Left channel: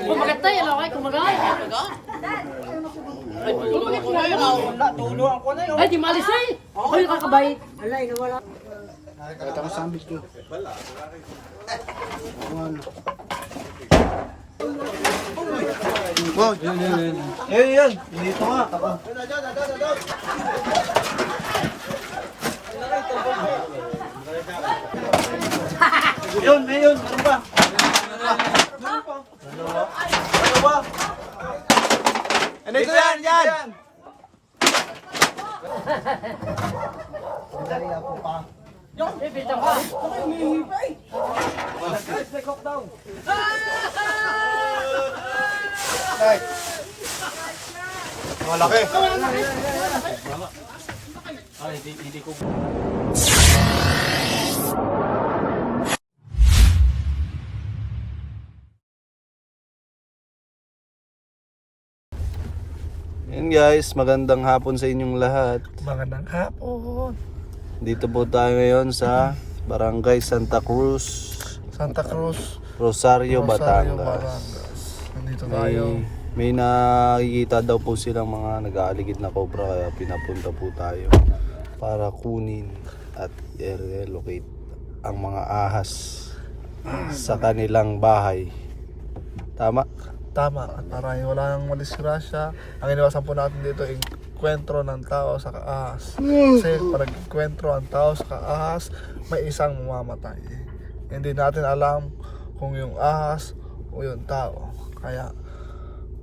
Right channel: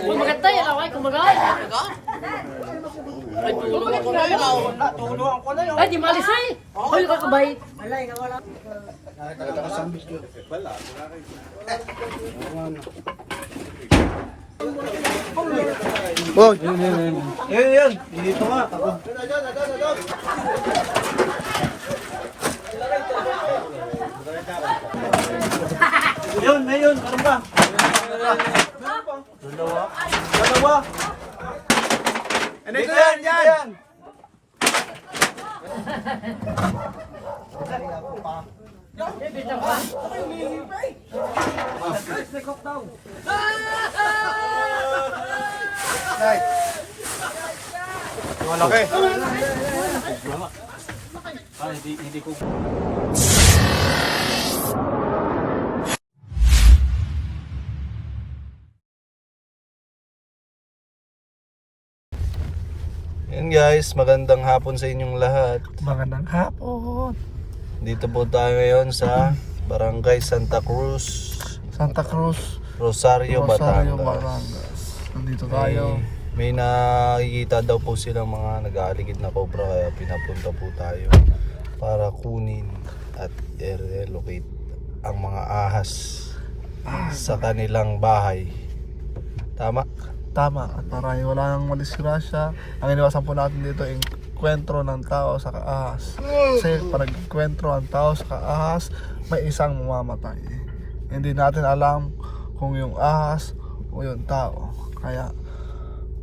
Kung maganda yan, okay? Kung maganda. Ay, di malis na eh. Hoy, kakabay. Alay, nawala. Nakita ko sa ambis ko. Wala. Boy! Yan. Dito nga. Yun. Ano ba? Dalawa. Ano ito yan? Malaki. Hindi ko. Yan guys, magandang hapon sa inyong lahat. Magandang hapon. Dito po tayo ngayon sa Barangay Santa Cruz, Rosario, Batangas. Nandito tayo. May nakikita daw po silang mga nag-aaligid na cobra, kaya pinapunta po tayo para kunin at i-relocate ang mga ahas sa kanilang bahay. Tama? Tama. At para wala nang madisgrasya, ang iniwasan po natin dito yung kwentro ng tao sa kaahas. Kasi pag kwentro ang tao sa kaahas, may isang mamamatay. Hindi natin alam kung yung ahas o yung tao. Kaya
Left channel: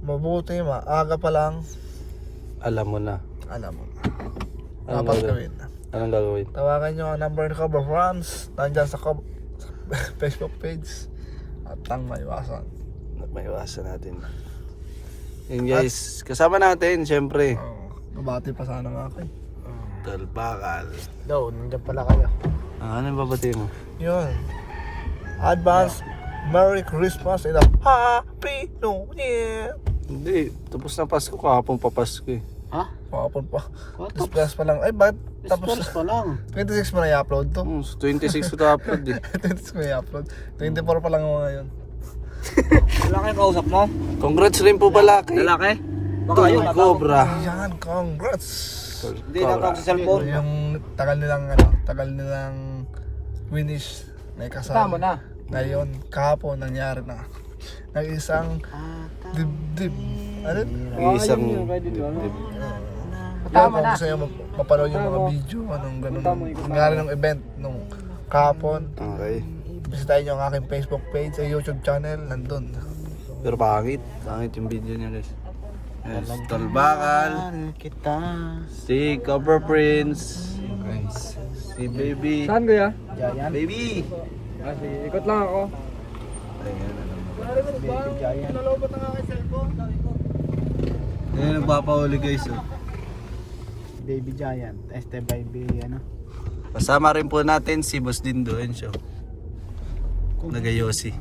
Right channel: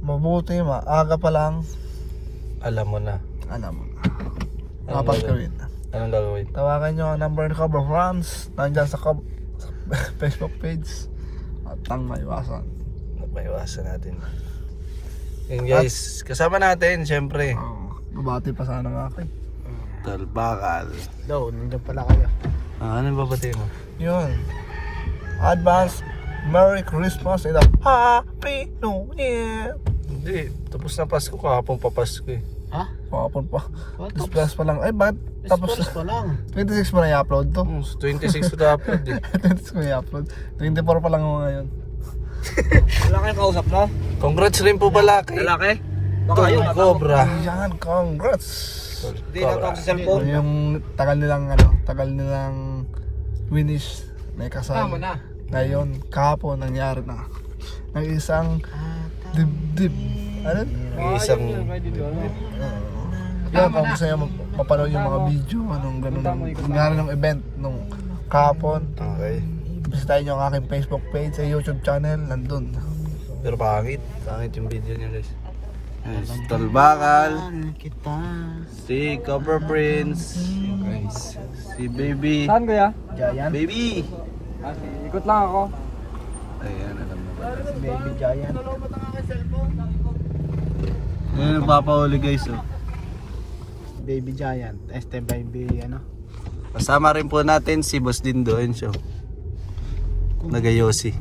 mabuti maaga pa lang Alam mo na. Dapat gawin. Anong gagawin? Tawagan nyo ang number ni Cobra France. Nandyan sa Facebook page. At ang maiwasan. Maiwasan natin. Yan guys, kasama natin syempre Nabati pa sana nga ako. Talbakal. Daw, nandiyan pala kayo. Anong babati mo? Yun. Advance Merry Christmas and a Happy New Year. Hindi, tapos na Pasko, kahapon pa Pasko eh. Ha? Pakapon pa. Display pa lang. Ay, bakit? Tapos Pa lang. 26 mo na i-upload to? 26 ko na-upload eh. 26 mo i-upload. 24 pa lang ako ngayon. Lalaki kausap mo? Congrats rin po pala kay Lalaki? Tol Cobra. Yan, congrats. Hindi na sa cellphone. Yung tagal nilang winish na ikasal. Tama na. Ngayon, kahapon nangyari na. Nag-isang dibdib. Ano? Isang Yan, kung gusto nyo mapanood yung mga video, anong ganun. Nangyari ng event nung kahapon. Okay. Bisitahin nyo ang aking Facebook page sa YouTube channel, nandun. Pero pangit yung video niya guys. Yes, Talbakal, si Cobra Prince, guys, si Baby. Saan kuya? Baby! Ikot lang ako. Ayan, Ayan, nagpapahuli guys oh. Baby Giant, ST5B, ano? Kasama rin po natin si Boss Dindo and show. Nagayosi.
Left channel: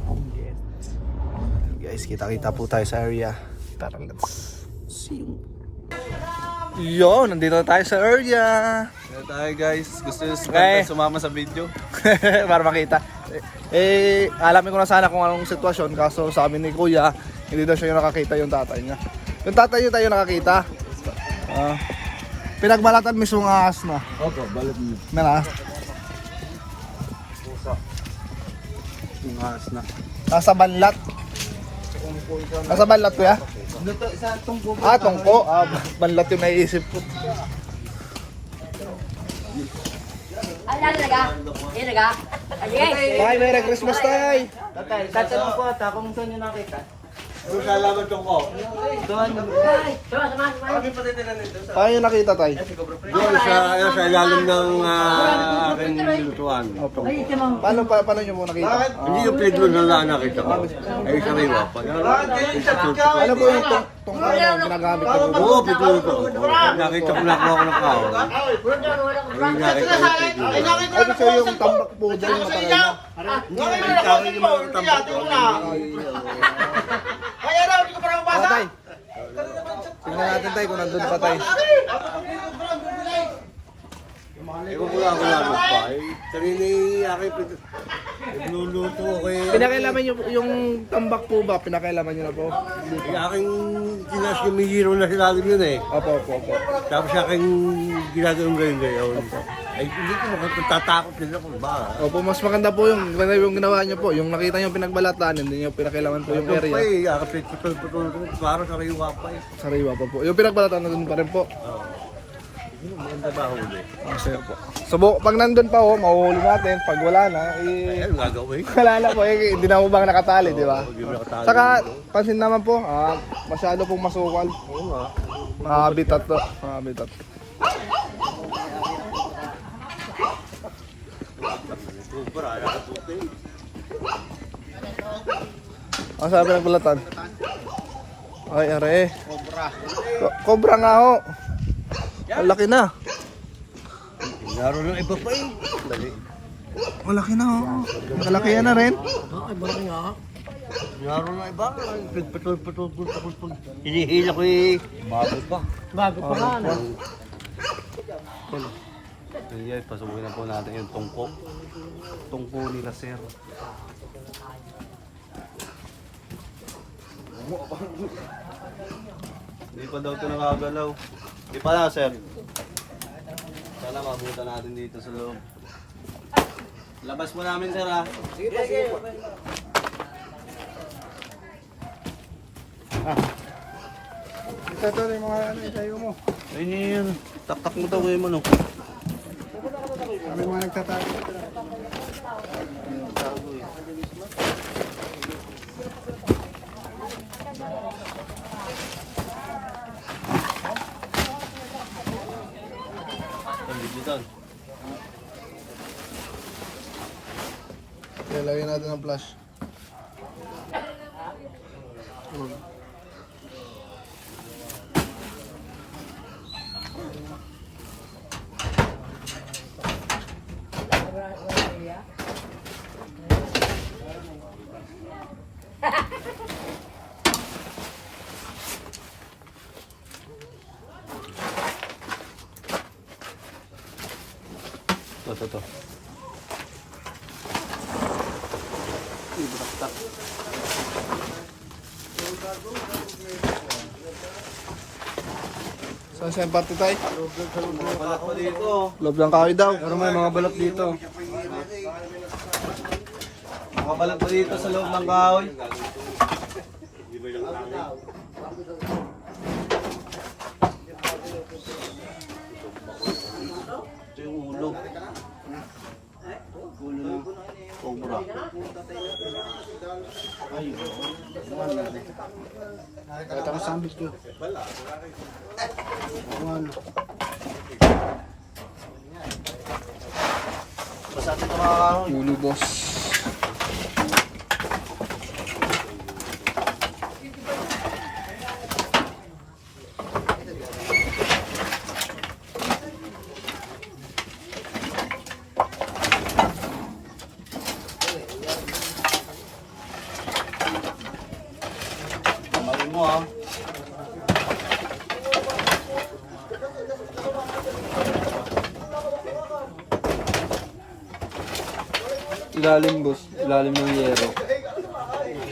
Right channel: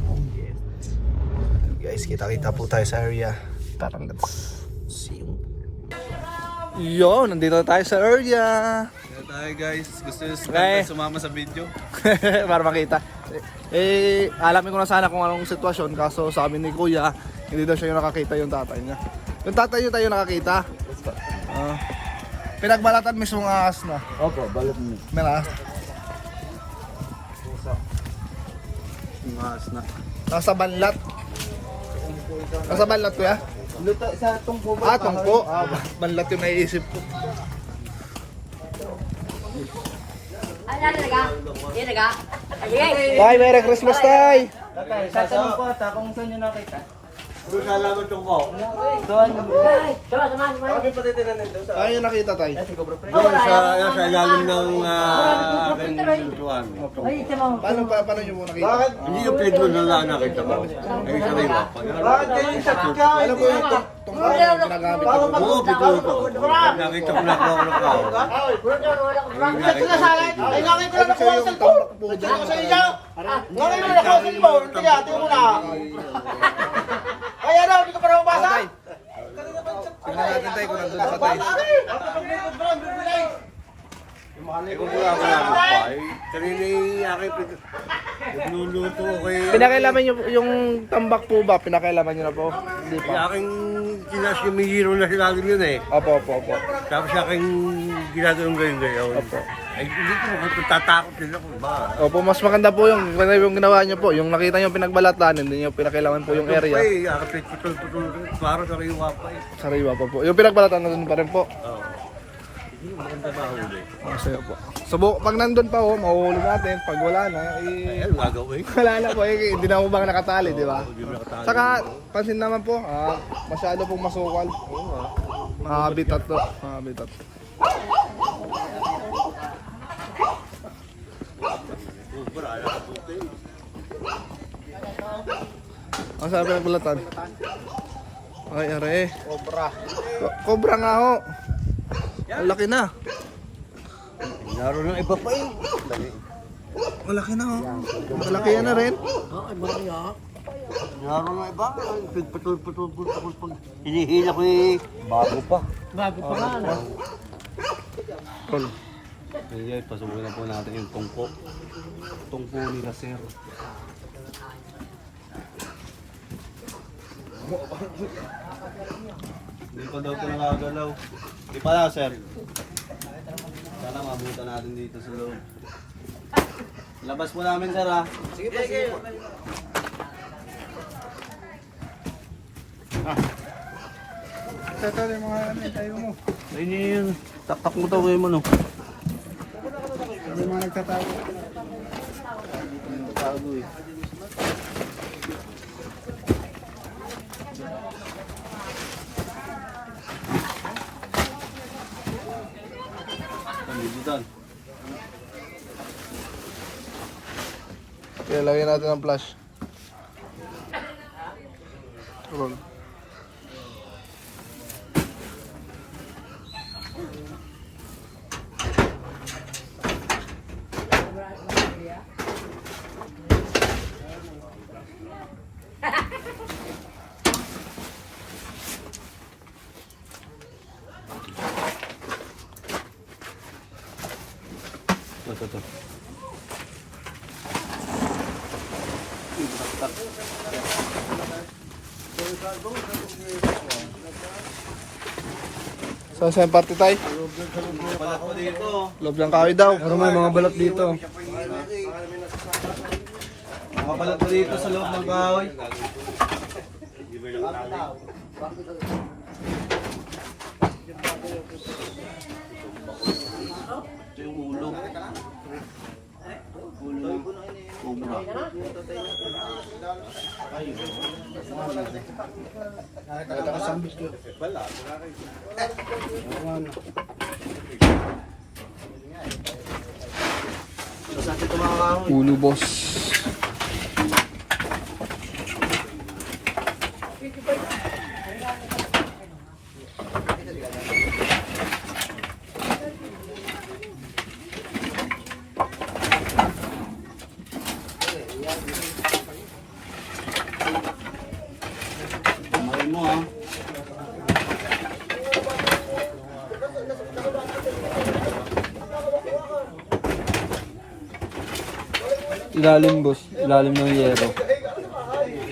Guys, kita-kita po tayo sa area. Tara, let's See you. Yo, nandito tayo sa area. Kaya tayo guys, gusto nyo sumama sa video? Para makita. Alamin ko na sana kung anong sitwasyon. Kaso sabi ni Kuya, hindi daw siya nakakita yung tatay niya. Yung tatay niya tayo nakakita. Pinagbalatan mismo ng ahas na. Opo, balat mo. Meron. Tingas na. Nasa banlat. Nasa banlat Kuya? Luto sa tungko. Tungko. Banlat yung naiisip ko. Bye, Merry Christmas Tay! Katanong ko ata kung saan nyo nakita. Doon sa laman tungko. Paano yung nakita Tay? Doon sa ilalim ng aking lutuan. Paano nyo mo nakita? Hindi yung pedro na lang nakita ko. Ay sariwa pa. Ano po yung tungko yung ginagamit ko? Oo, pedro ko. Nakita ko lang ako ng kao. Ay nakita ko yung pedro. Ano siya yung tambak po dyan? Ay sa akin yung mga katambak ko. Kaya daw, hindi ko pa nakapasa! Tingnan natin Tay kung nandun pa Tay. Ay kung wala ako lang pa. Ay sarili aking pedro. Nagluluto ko kay... Pinakailaman nyo yung tambak po ba? Pinakailaman nyo na po? Hindi Yung pa. aking sinasumihiro na silalim yun eh. Opo. Tapos sa aking ginagawang gayon-gayon. Ay, hindi ko makatatakot nila kung ba. Opo, mas maganda po yung ginawa nyo po. Yung nakita nyo pinagbalatan, hindi nyo pinakailaman po yung Ito pa area. eh, akapit putol-putol. Para sa kayuwa pa eh. Sariwa pa po. Yung pinagbalatan na dun pa rin po. Oo. Hindi mo maganda ba huli? Masaya po. So, pag nandun pa ho, mahuhuli natin. Pag wala na, eh, Ano gagawin? wala na po. Eh, hindi na mo bang nakatali, di ba? Hindi mo nakatali. Saka, pansin naman po, masyado pong masukal. Oo nga. Mga habitat to. Mga habitat. Ang sabi ng bulatan? Ay, are. Cobra nga ho. Ang laki na. Naroon ng iba pa eh. Malaki na ho. Malaki na rin. Naroon ng iba. Putol-putol. Pag hinihila ko eh. Bago pa. Tol. Kaya pasukin na po natin yung tungko. Tungko nila sir. Hindi pa daw ito nakagalaw. Hindi pa na sir. Sana mabutan natin dito sa loob. Labas po namin sir ha. Ito yung mga tayo mo. Ayun yun. Taktak mo daw kayo mo no. Ano yung mga nagtatago? Pagbibutan. Kaya lagyan natin ang flash. Roll. Ito. Tak. Saan sa party tayo? Balak pa dito. Loob ng kahoy daw. Ano may mga balot dito? Makapalag pa dito sa loob ng kahoy. Ito yung ulo. Ulo ng cobra. Ito ko sambis ko. Masakit ito mga kahoy. Ulo boss. Marin mo ha. Ilalim boss. Ilalim ng yero.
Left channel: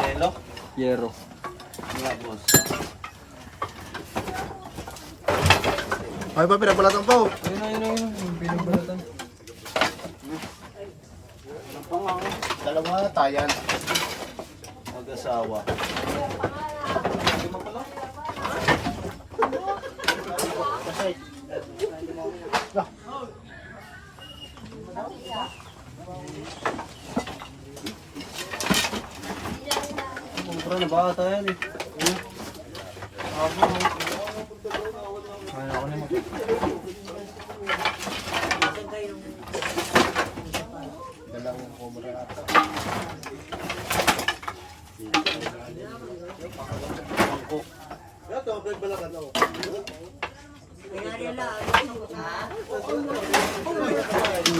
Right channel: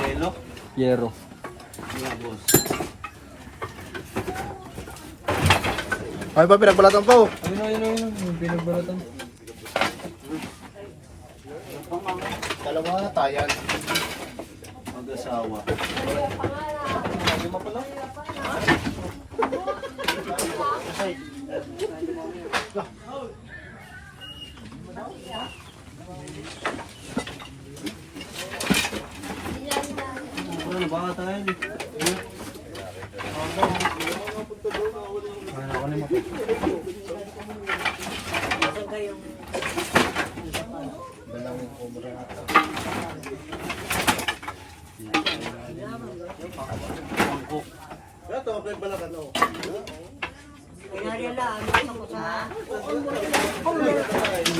Yelo. Yero. Mga boss. Ay pa, pinagbalatan pa oh. Ayun. Yung pinagbalatan. Dalawa na tayan. Mag-asawa. Mura na baka tayo eh. Kaya ako na mata. Dalawang cobra ata. Bangkok. Ito, pinagbalatan ako.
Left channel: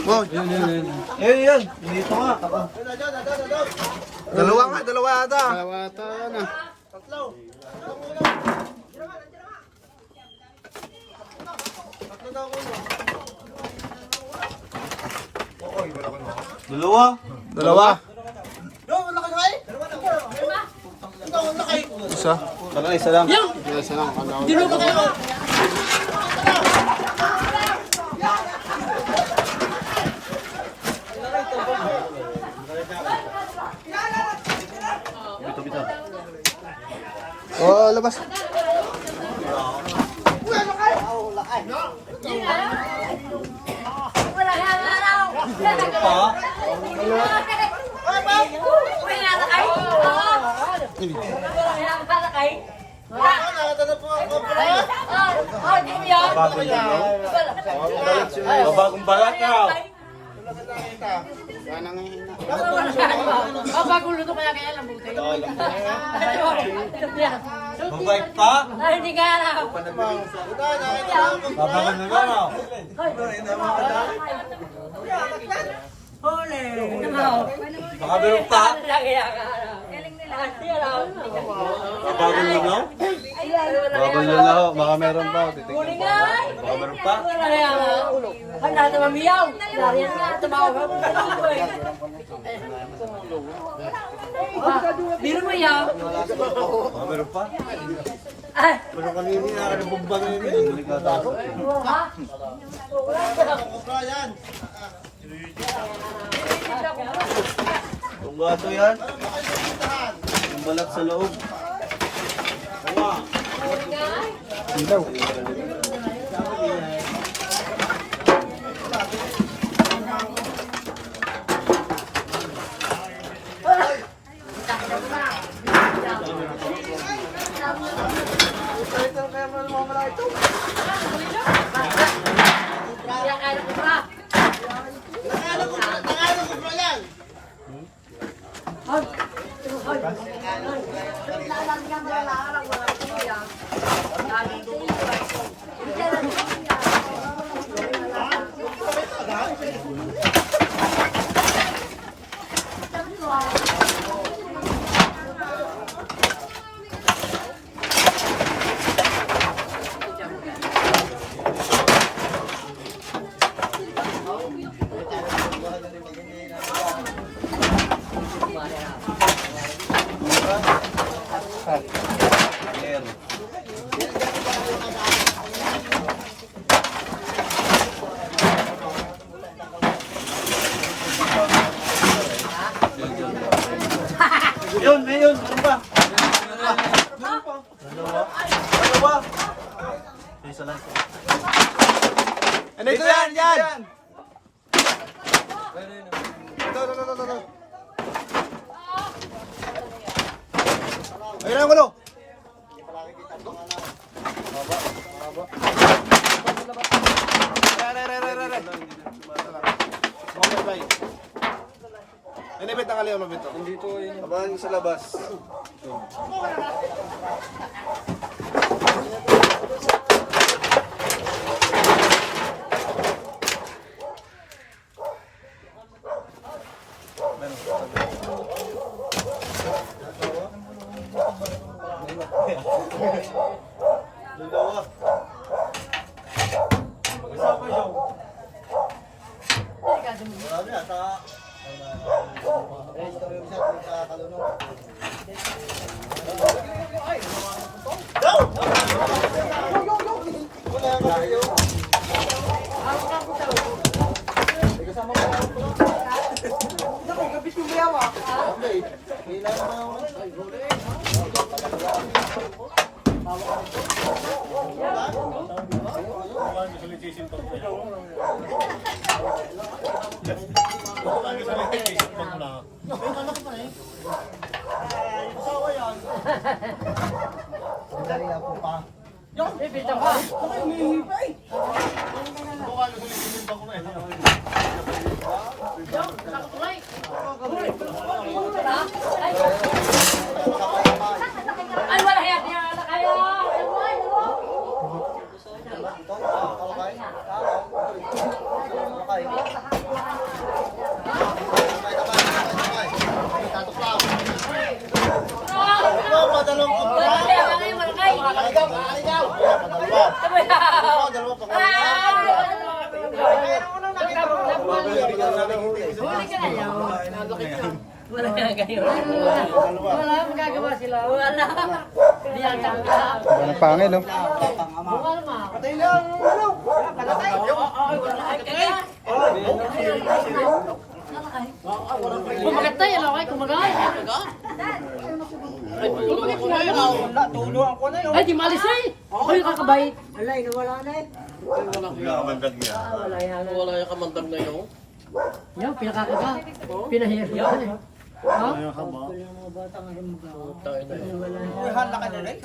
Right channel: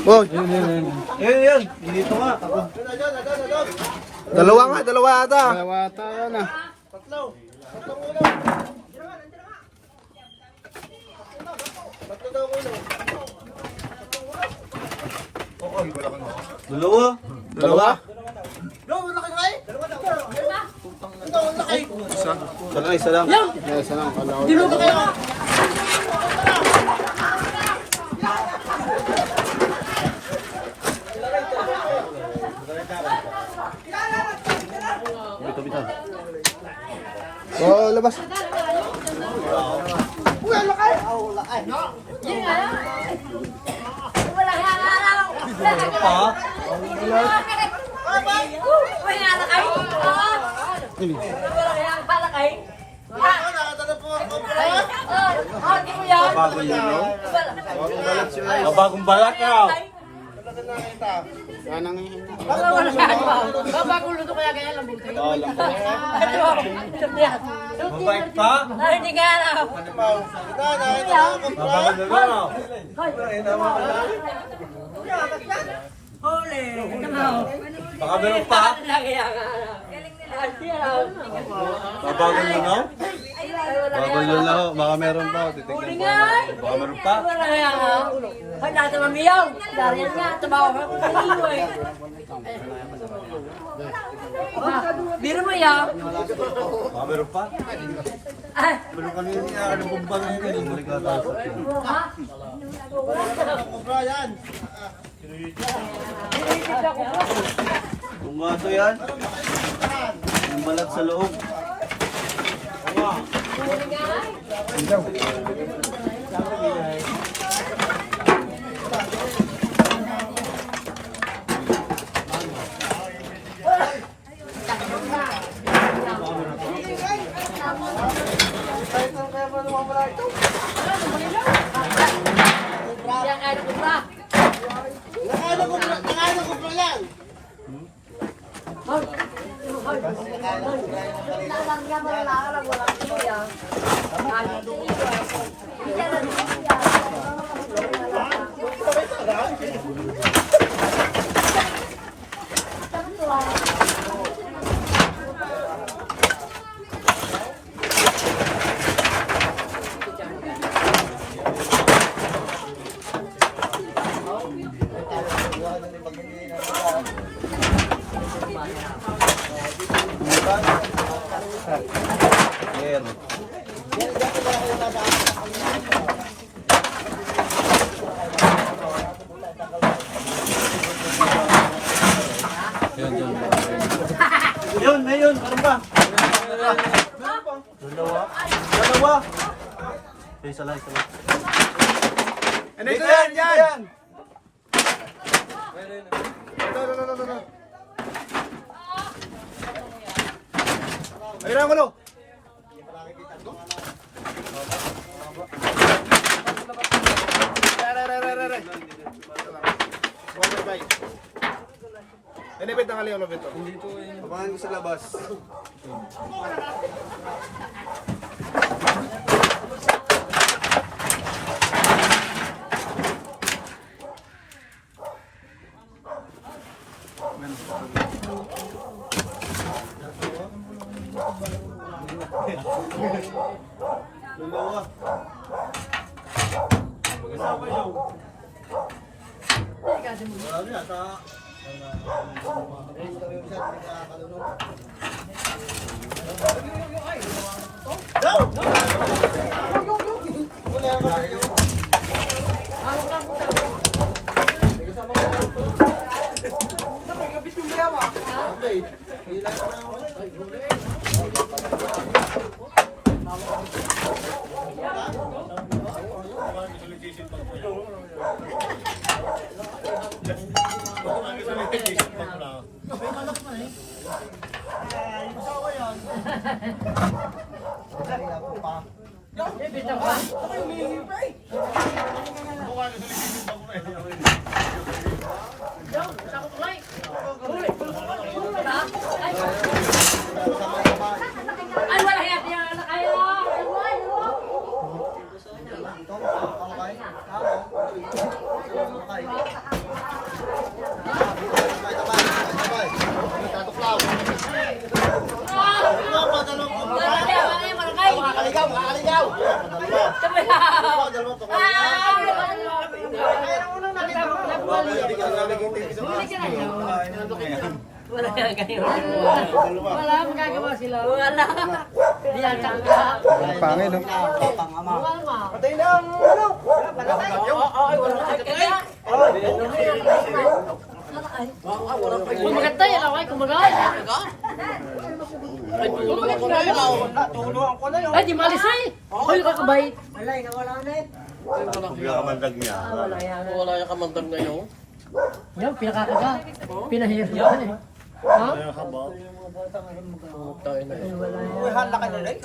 Oh, Ayun. Ayun. Dito nga. Ako. dalawa nga, dalawa ata. Dalawa tayo na. Dalawa. Dalawa. isa. Isa lang. Isa lang. Kala ko. Oh, labas. Bagong balat niya. Babagulo to kaya kaya lang kayo. Mabait pa. Hindi nga alam. Babagol na lang. Baka meron pa. Babagol na lang. Baka meron pa. Titignan pa. Dati mamiyaw. Dariyan nga. Tumawa. Biro mo yaw. Baka meron pa. Ay. Pero kanina na bumba na yun. Balik na tayo. Kung gato yan, ang balat sa loob. Yun, meron pa. Ano ito yan? Yan! Ito. Ayun ang gulo. Inipit ang aliw lumit to. Abangan sa labas. Ay, wala kaya na kayo. Huli ka na yun. Wala nga ganyan. Wala, magagawa sila. Wala. Di ata ka. Ang pangin, no? Patay lang. Kumagat tayo, ano? Ay, kumagat. Ay, di malis na eh. Ay, kakabay. Wala, wala na eh. Wala yung kamandag na yun. Yung pinakakaba. Pinahirap yan eh. Ha? Uy, hala ka na rin.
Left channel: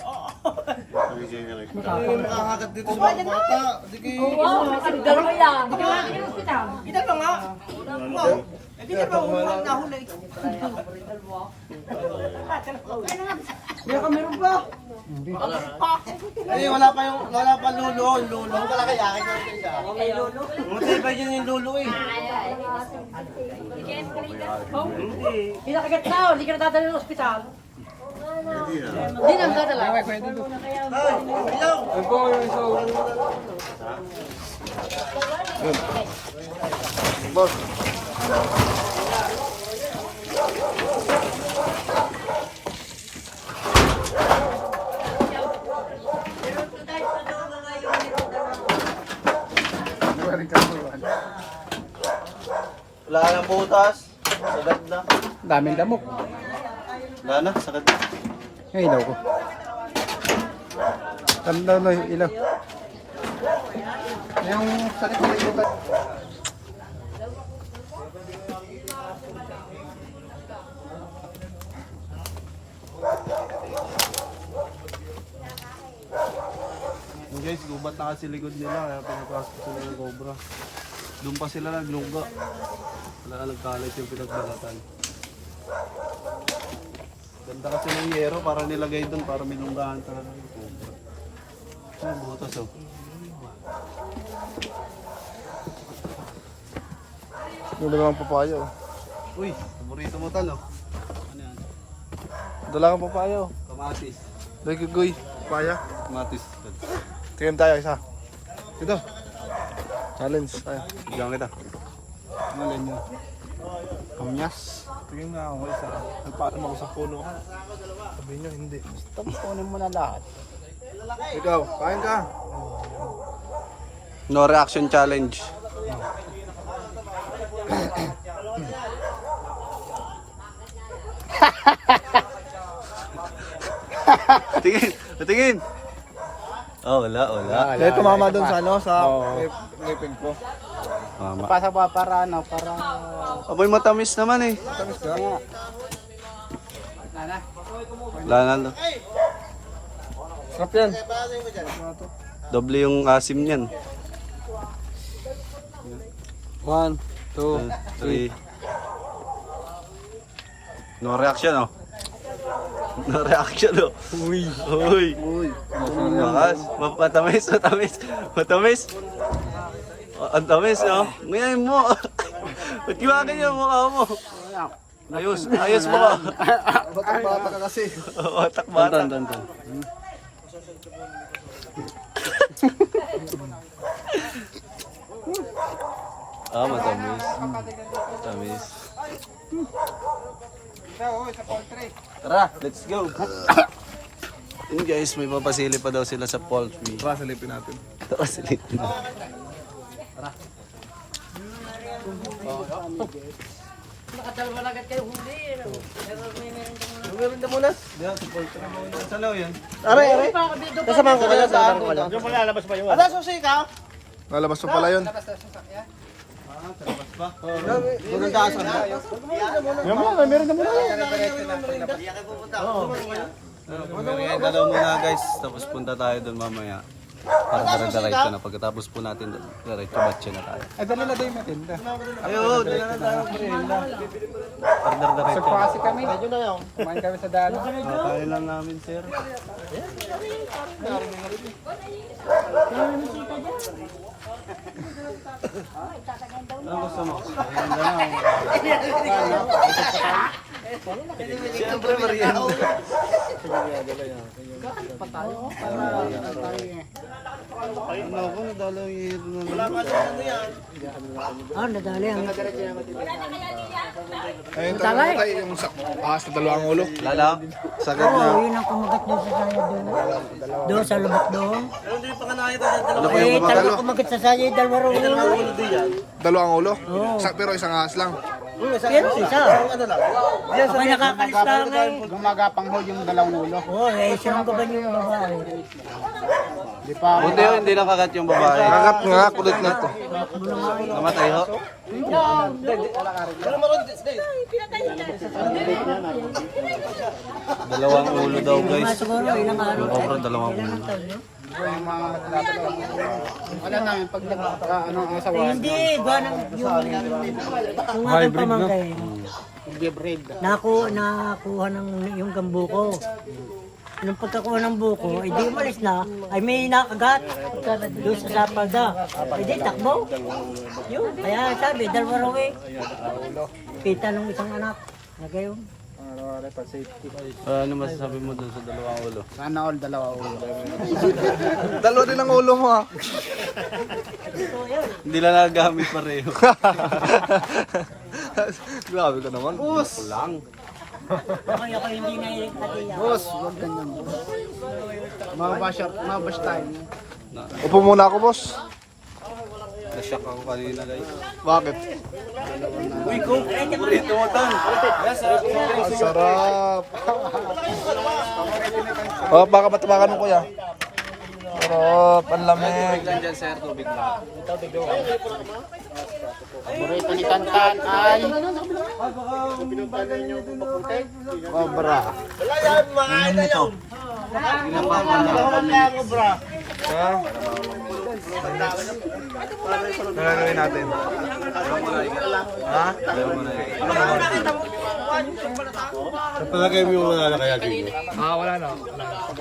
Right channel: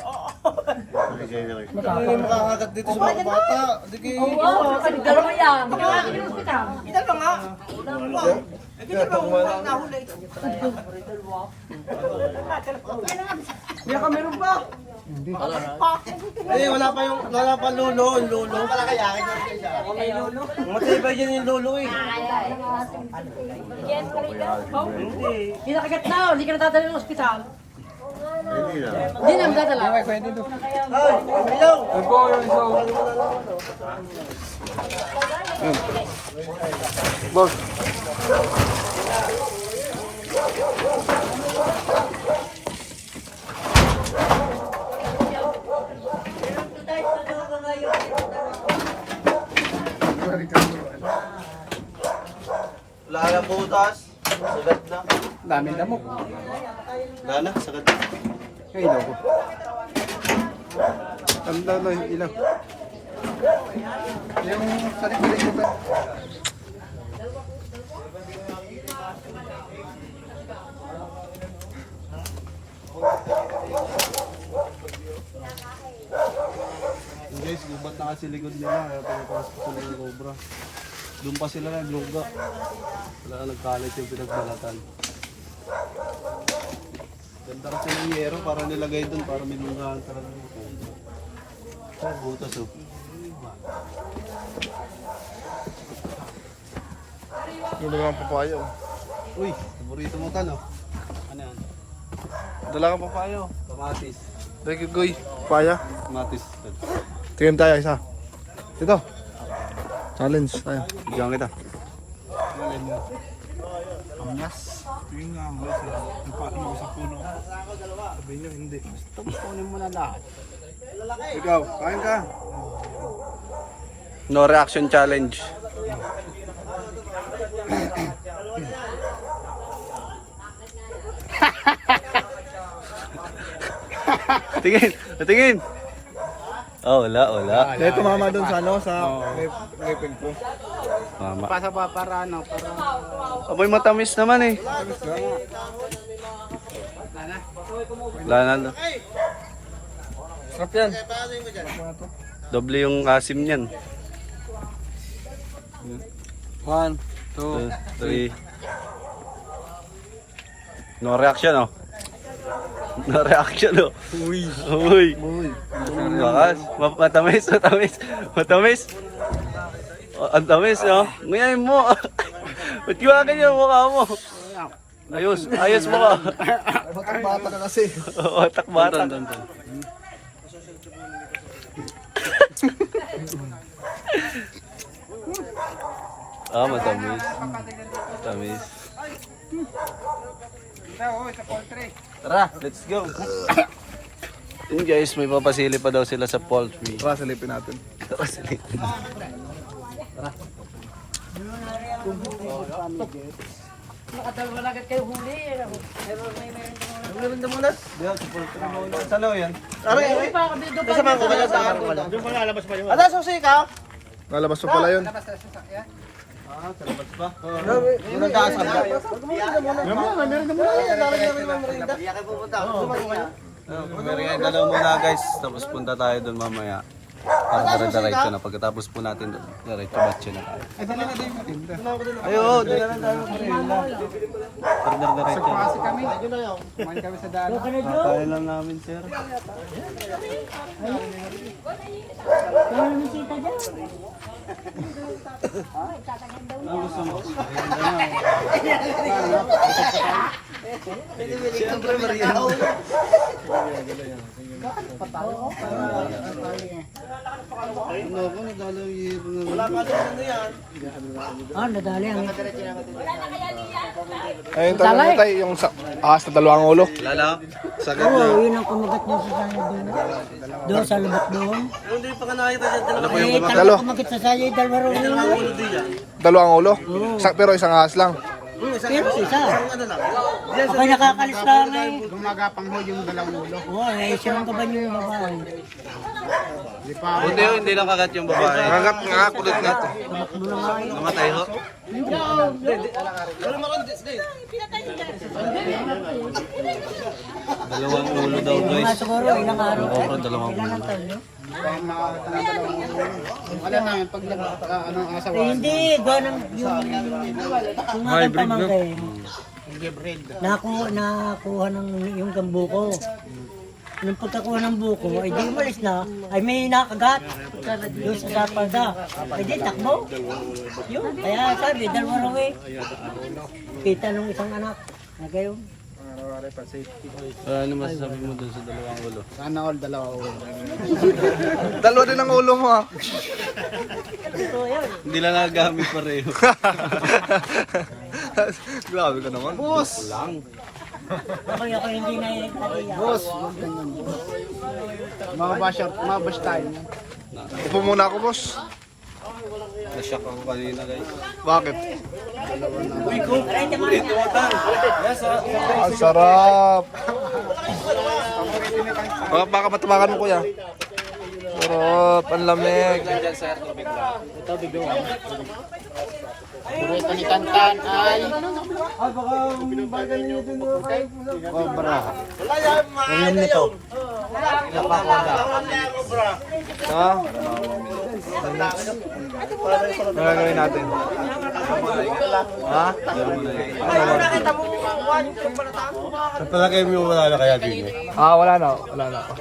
Nakakagat dito sa mga bata. Oo, dalawa yan. Kita ba nga? Wow. Hindi ba umuwang nahulay? Hindi ka meron ba? Eh, wala pa lulo. Lulo pala kaya akin. Matibay dyan yung lulo eh. Hindi nakagat na, hindi ka natadala ng ospital. Hindi na natadala. Boss. Wala ka ng butas. Sagad na. Daming damok. Wala na, sagad na. Yung ilaw ko. Ano daw no, ilaw? Yung sarili ko ba? Guys, gubat na kasi likod nila kaya pinapasok sila ng cobra. Doon pa sila nagluga. Wala na nagkalit yung pinagbalatan. Ganda kasi ng yero para nilagay doon para minunggahan talaga ng cobra. Oh, butas oh. Yung dalawang papayo. Uy, paborito mo talo. Ano yan? Dalawang papayo. Kamatis. Thank you, Goy. Papaya. Kamatis. Tingin tayo isa. Ito. Challenge tayo. Bigyan kita. Ano nyo? Amyas. Tingin nga ako isa. Nagpaalam ako sa puno. Sabi niya, hindi. Tapos kunin mo na lahat. Ikaw, kain ka. No reaction challenge. Tingin, tingin. Oh, wala. Dahil tumama doon sa ano, sa ngipin ko. Mama. Pasa pa para ano, para... Aboy matamis naman eh. Tapos na. Wala na. Sarap yan. Doble yung asim niyan. 1, 2, 3. No reaction oh. No reaction oh. Uy. Bakas. Matamis. Ang tamis no. Ngayon mo. Ba't kiwakan yung mukha mo? Ayos mo ka. Bata ka kasi. Otak-bata. Matamis. Matamis. Tara, let's go. Yun guys, may papasili pa daw sila sa poultry. Tara, silipin natin. Tara, silipin. Nakadalawa na agad kayo huli. Meron na muna. Diyan, sa poultry muna. Saan daw yan? Kasama ko kayo sa Ada, susi ka? Lalabas pa pala yun. Sa labas pa. Doon ang dasal. Merienda daw muna guys. Tapos punta tayo doon mamaya. Para diretso na. Pagkatapos po natin doon, diretso batche na tayo. Ay, dali na doon sa tinda. Ayo, doon na lang tayo merienda. Para diretso. Kasi kami, kumain kami sa daan. Kakain lang namin sir. Ang gusto mo? Merienda na. Siyempre, Maria. Ano ako, nadalaw yung Wala pa doon ano yan. Nadali ang Ayun, tanong niya tayo, yung ahas na dalawang ulo. Lala, sa Oo, yun ang kumagat niya sa saya doon. Doon sa lubak doon. Hindi pa ka nakita dyan. Dalawa. Eh, talaga kumagat sa saya, dalawa raw ulo. Dalawang ulo? Pero isang ahas lang. Pero isa. Ako nakakalis lang eh. Gumagapang ho yung dalawang ulo. Oo, sinong ka ba yung babae? Buti hindi nakagat yung babae. Nakagat nga, kulit na to. Namatay ho. Dalawang ulo daw guys. Siguro, yun ang ano. Cobra, dalawang ulo. Wala na yun, pag anong asawa. Hindi, gawa ng yung aking pamangkin. Nakuha ng yung gambuko. Nung pagkakuha ng buko, ay di umalis na, ay may nakagat doon sa Sapalda. Ay di takbo. Yun, kaya sabi, dalawa raw eh. Kita nung isang anak. Na gayon. Ano masasabi mo doon sa dalawang ulo? Sana all dalawa ulo. Dalawa din ang ulo mo ha. Hindi lang nagagamit pareho. Grabe ka naman. Gusto lang. Ako hindi na iiyak. Boss, huwag ganyan boss. Mabash tayo. Upo muna ako, boss. Nashock ako kanina guys. Bakit? Uy, go! Ito watan! Yes, Ang sarap. Oh, baka matabakan mo, kuya. Sarap, ang lamig. Paborito ni Tantan ay Cobra. Ayan na to. Ha? Ano gagawin natin? Ha? Ano naman? Palagay mo wala na kaya din eh. Wala na.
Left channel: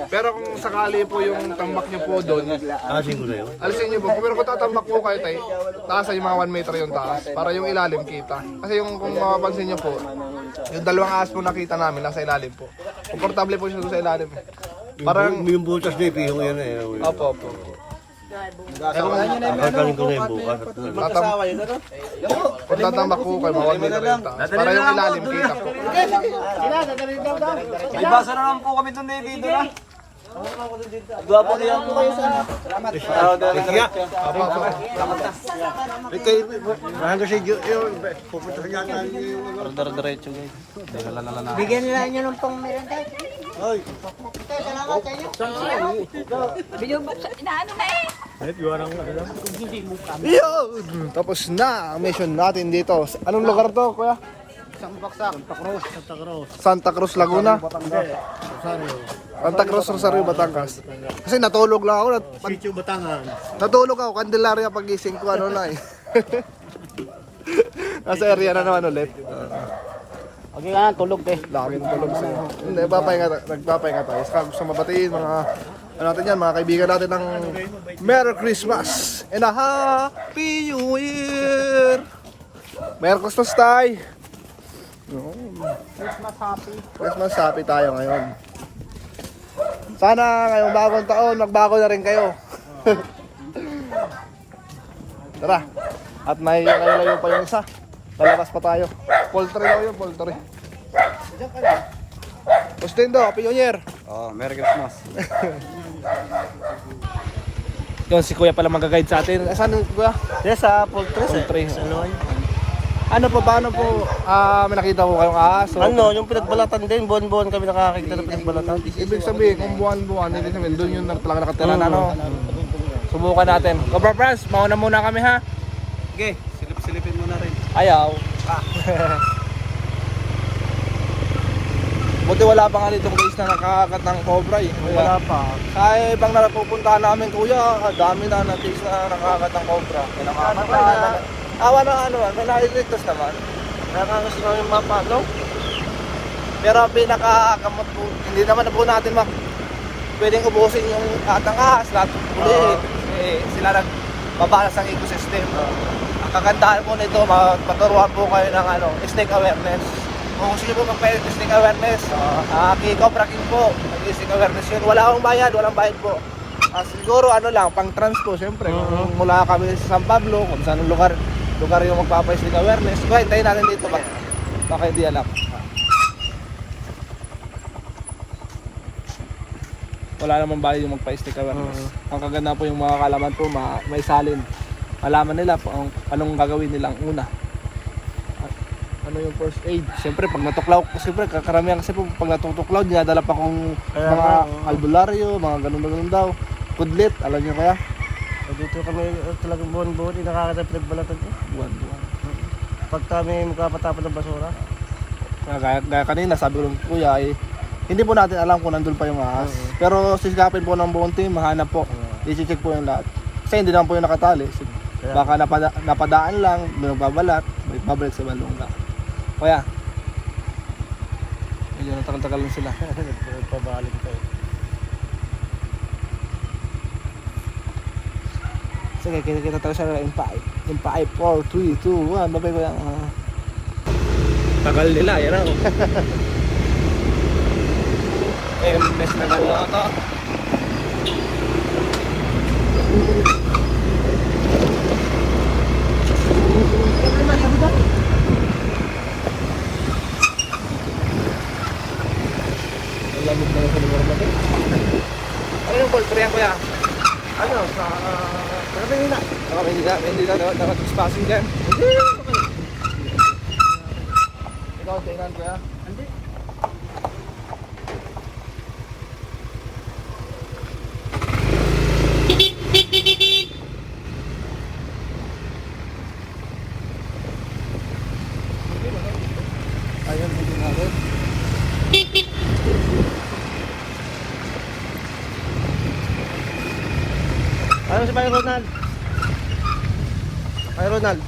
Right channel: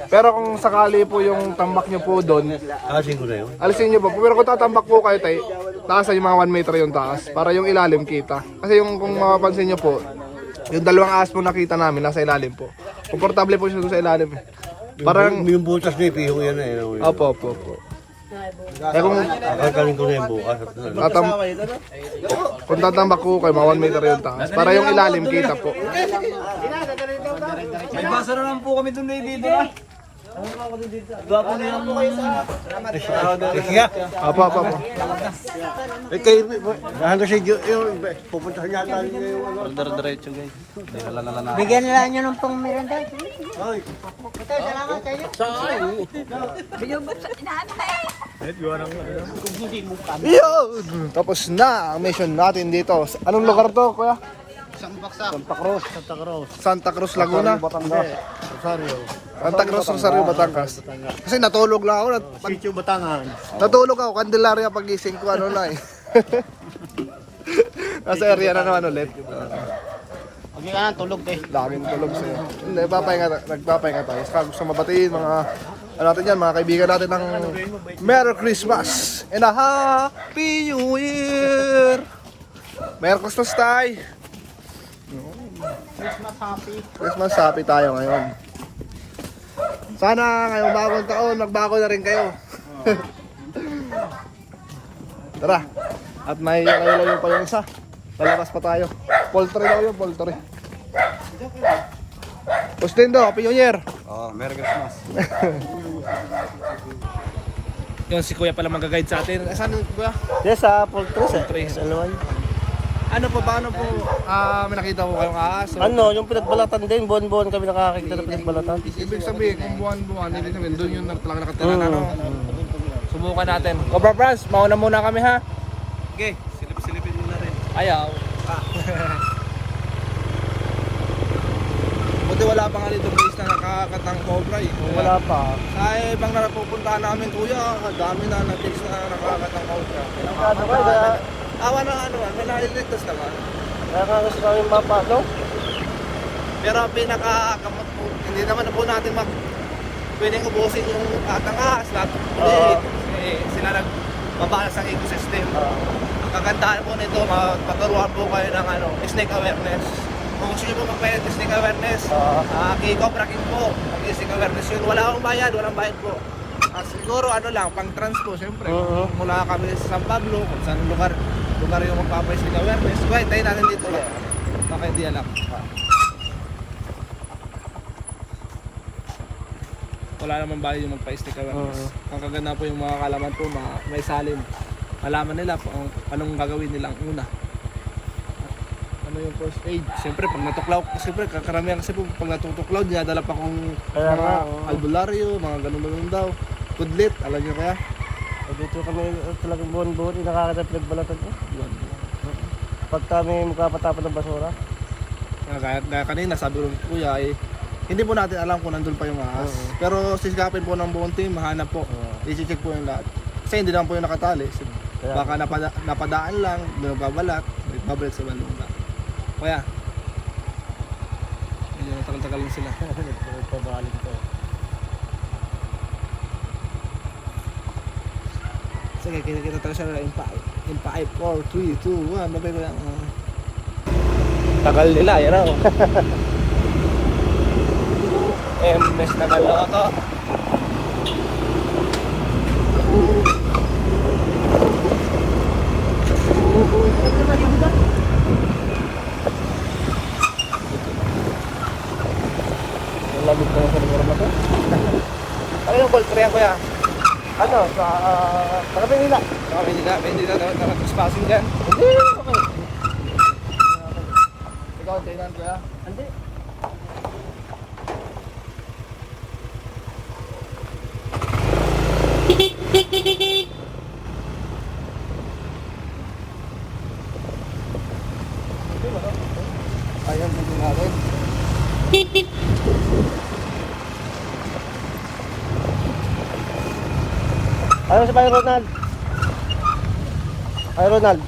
Pero kung sakali po yung tambak nyo po doon, Asin ko na yun. alisin nyo po. Pero kung tatambak po kayo tayo, taas ay mga 1 meter yung taas. Para yung ilalim kita. Kasi yung kung mapapansin nyo po, yung dalawang ahas po nakita namin, nasa ilalim po. Komportable po siya sa ilalim. Parang, Yung butas na ipihong yan eh. opo. Eh kung Kakakaling ko na yung bukas. kung tatambak po kayo, mga 1 meter yung taas. Para yung ilalim kita po. May basa naman po kami doon dito na. Gwapo na yung... Sige. Apo. Mahal si Diyo yung pupunta niya tayo yung ano. Diretso guys. Hindi nalalala na. Bigyan nila nyo ng pong miranda. Ito, salamat sa inyo. Yun! Tapos na ang mission natin dito. Anong lugar to, kuya? Santa Cruz, Laguna. Santa Cruz, Rosario, Batangas. Kasi natulog lang ako. Sitio Batangan. Natulog ako, Candelaria pagising ko, ano na eh. Nasa area na naman ulit. Okay nga, tulog eh. Laging tulog sa'yo. Hindi, nagpapahinga tayo. Saka gusto mabatiin mga, ano natin yan, mga kaibigan natin ng Merry Christmas and a Happy New Year! Merry Christmas tayo! Christmas happy tayo ngayon. Sana ngayong bagong taon, magbago na rin kayo. Tara. At may layo pa yung isa. Lalabas pa tayo. Poultry daw yun, poultry. Postin daw, Happy New Year. Oh, Merry Christmas. Yun, si Kuya pala mag-guide sa atin. Saan yung Kuya? Yes, sa poultry. Sa Loy. Ano po, paano po, may nakita po kayong ahas? So, Yung pinagbalatan din, buwan-buwan kami nakakita ng pinagbalatan. ibig sabihin, kung buwan-buwan, ibig sabihin, doon yun na talaga nakatira na, no? Subukan natin. Cobra Friends, mauna muna kami, ha? Okay, silip-silipin mo na rin. Ayaw. Buti wala pa nga dito guys na nakakakat ng cobra eh. Wala pa. Sa ibang napupuntahan namin, kuya, dami na natis na nakakakat ng cobra. Awa na ano, may naliligtas naman. Nakakakas na yung mapa, no? Pero pinakakamot po, hindi naman na po natin pwedeng ubusin yung atang ahas. Hindi, sila nagbabalas ng ecosystem. Ang kagandahan po nito, magpaturuan po kayo ng snake awareness. Kung gusto nyo po magpa-testing awareness, kay Cobra King po, testing awareness yun. Wala akong bayad, walang bayad po. Siguro ano lang, pang trans po, syempre. Kung mula kami sa San Pablo, kung saan lugar yung magpapa-testing awareness. Kaya tayo natin dito ba? Baka hindi alam. Wala naman bayad yung magpa-testing awareness. Ang kaganda po yung mga kalaman po, may salin. Malaman nila kung anong gagawin nilang una. Ano yung first aid. Siyempre pag natuklaw, siyempre kakaramihan kasi po pag natutuklaw, dinadala pa kung mga albularyo, mga ganun-ganun daw. Kudlit, alam niyo kaya? Dito kami talagang buwan-buwan, nakakita pinagbalatan ko. Buwan-buwan. Pag kami magkapatapon ng basura. Gaya kanina, sabi ko kuya, hindi po natin alam kung nandun pa yung ahas. Pero sisikapin po ng buong team, mahanap po. I-check po yung lahat. Kasi hindi naman po yung nakatali. Baka napadaan lang, may magbabalat, may babalik sa balunga. Kaya, medyo natagal-tagal lang sila. Pabalik ko. Sige, kita tayo siya in 5. In 5, 4, 3, 2, 1. Babay ko yan. Tagal nila, yan o. Best na ako. Lamig na yung sa lugar na ito. Ano yung ball? Parehan ko yan. Ano? Nakapin nila. Hindi na. Nakapin dyan. Okay. Ikaw, kailan ko yan? Hindi. Ayun, hindi natin. Ayun si Ronald. Ay, Ronald.